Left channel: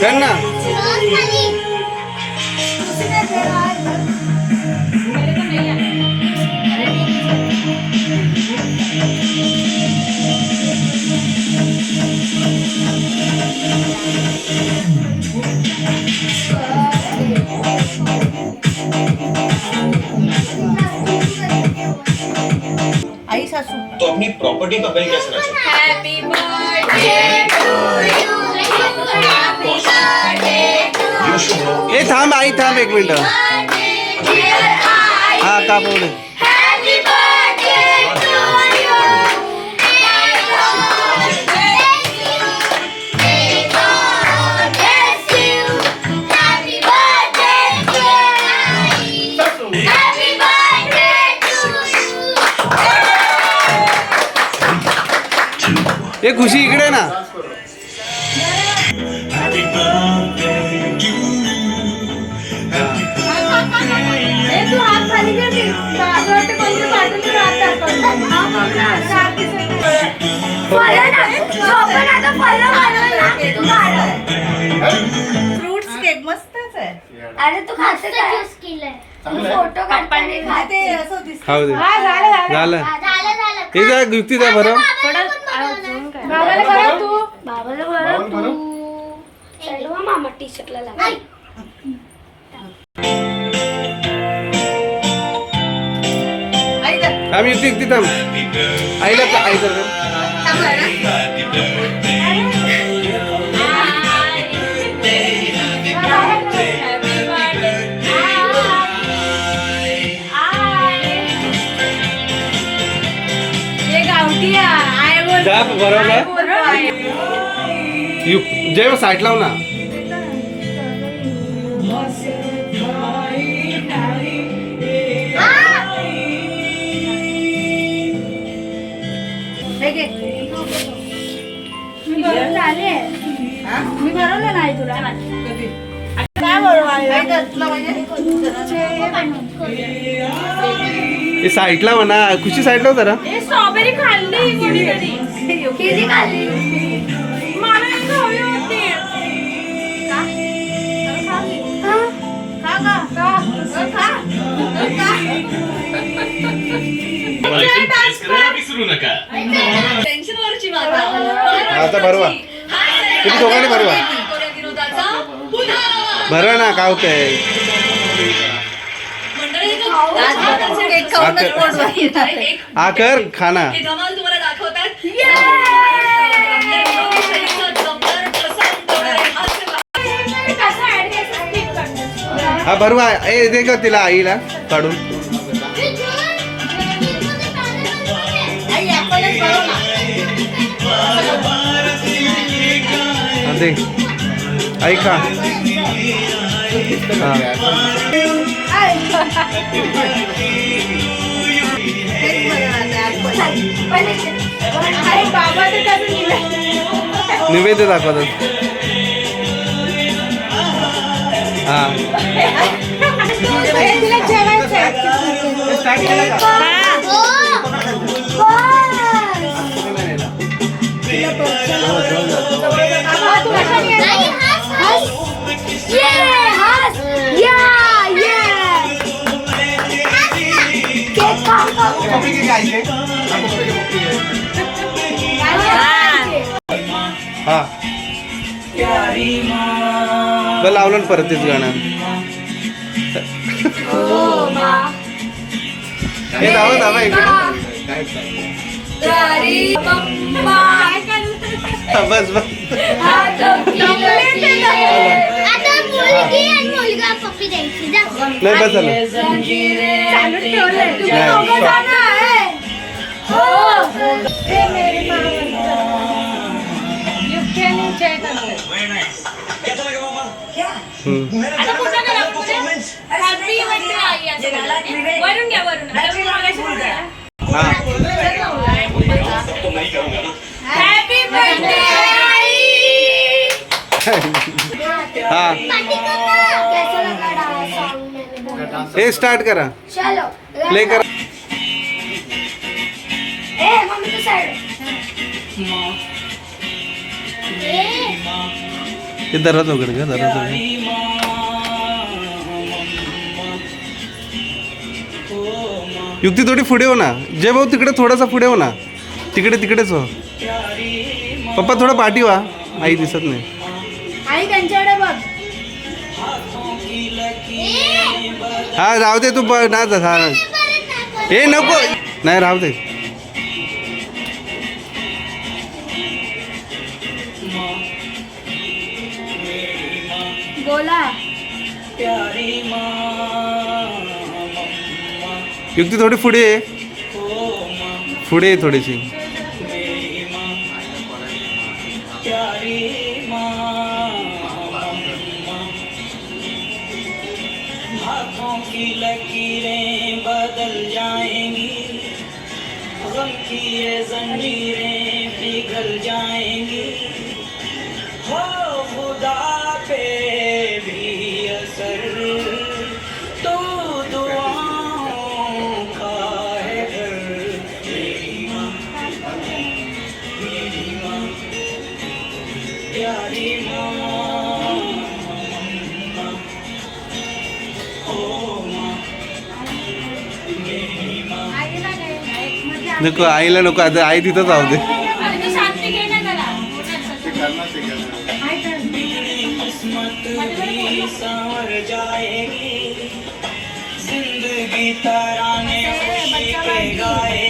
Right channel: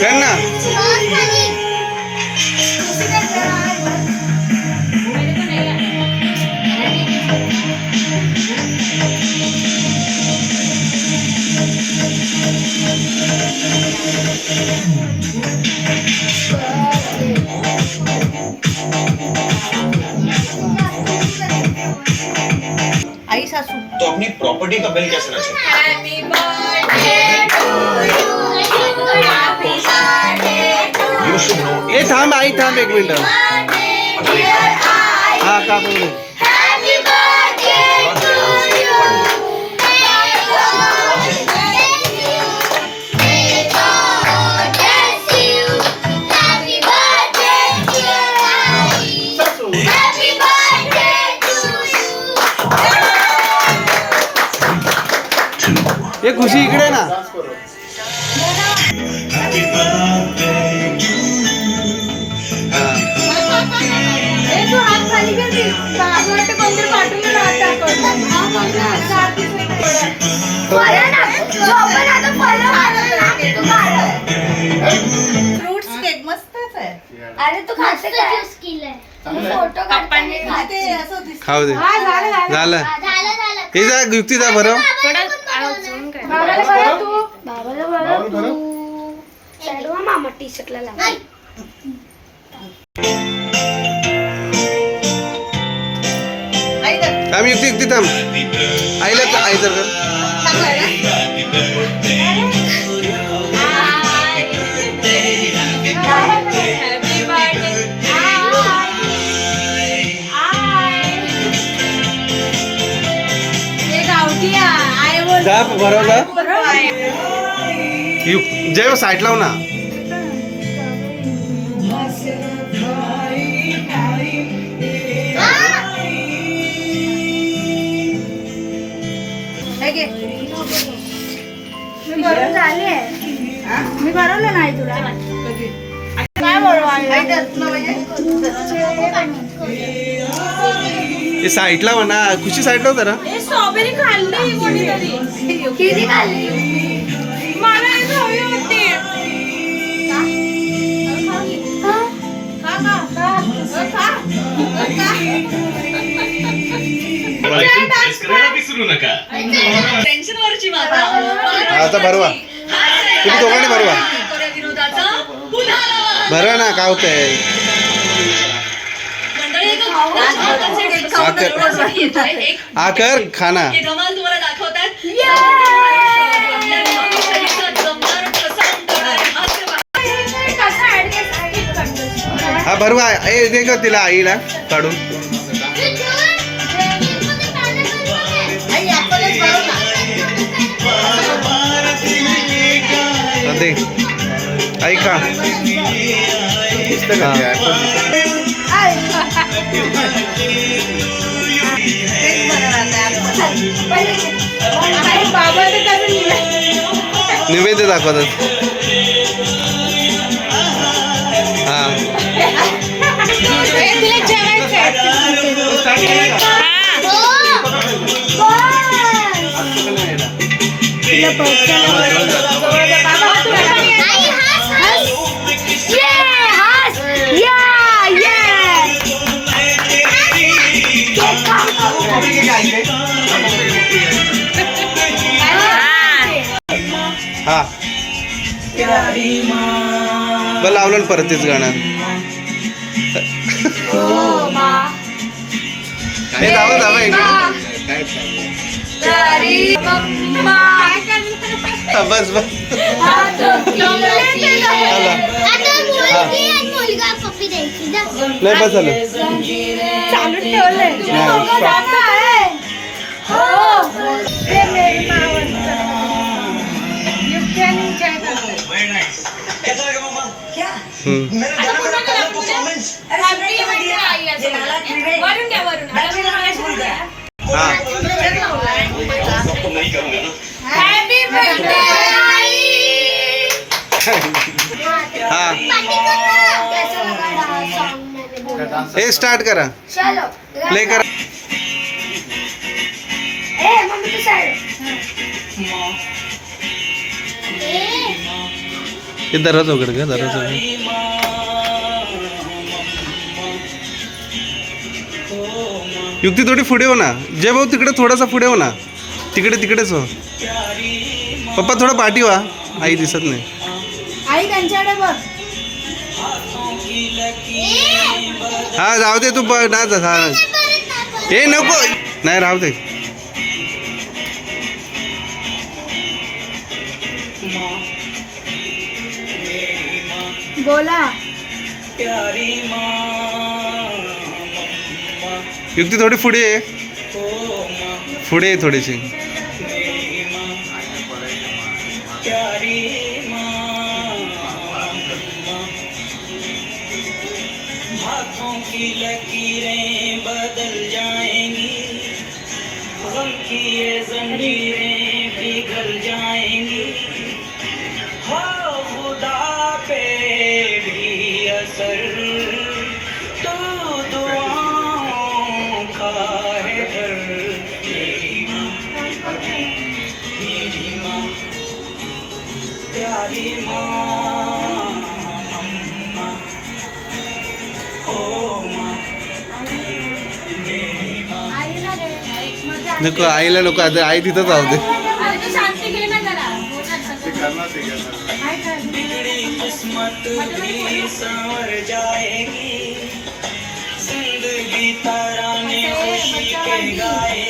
कर ना आई सासू. तो अपनी प्रॉपर्टी का बिल कैसे रचा हॅपी बर्थडे ए थांब आई थांब एक मिनिट हा का बोल ए खुशी इकडे ना फ्रुट्स केक मस्तच आहे. अरे तू खाते काय? फोटो पप्पांनी ते असं दिसत. खाऊ दे. झालं झालं. झालं. हे जा बरं. बाबाला बरं तू. बाबाला बरं तू. सर्व मामा टी शर्टला थांब युक्ती युक्ती थांब. आईला आई तर कर. बरोबर जय लाव ना हे. हा? तुला म्हणजे हे साईड ला म्हणा खुशी साईड लाव जरा स्ट्रॉबेरी खाल्ली कोणीतरी किती खाल्ली मला होती विसरू नका टेन्शन वरची आता भरवा तुम्ही दोघांनी भरवा भरवा ना काय होतंय मंडळी एक हा कर. येत आहे. एक हा कर खाना हे भरवा. ए दे ग तिला आईला काढून. दे. खा. हा. निवेद्य दाखवतात हा हा. बरं लावलं ना परत तेच गाणं. हे धावा धावा एक मिनिट हा, बस बस. नाही बस झालं. वरून घ्या वरून हॅपी बर्थडे हा हे स्टार्ट करा. प्ले करा. ए हे दरवाजा उघड का दरवाजा युक्ती थोडी पुढे हो ना. जय भाऊ तिकडे थोडासा पुढे हो ना. तिकडे तिकडेच हो. पप्पा थोडा पाठी व्हा. आई दिसत नाही. आई त्यांच्याकडे बघ. हा जाऊ दे तू ना जा हा. ए नको. नाही राहू दे. बोला युक्ती थोडी पुढे ये. पुढे ये थोडीशी. प्यारी माँ अम्मा ओ माँ मेरी माँ आईला रे मजा नको आईला नको आता आई तिथंच राहू दे. कर किस्मत भी संवर जाएगी जिंदगी तराने खुशी के गाएगी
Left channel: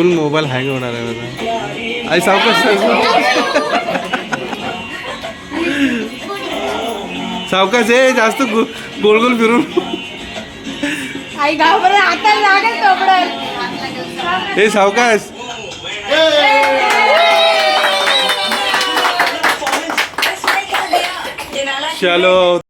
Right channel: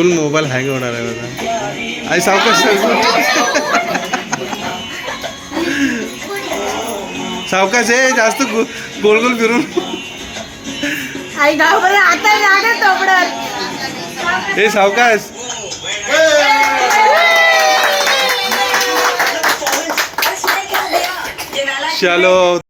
फुल मोबाईल हँग होणार आहे माझा आई सावकाश सावकाश आहे जास्त गोल गोल फिरून. हे सावकाश. चलो.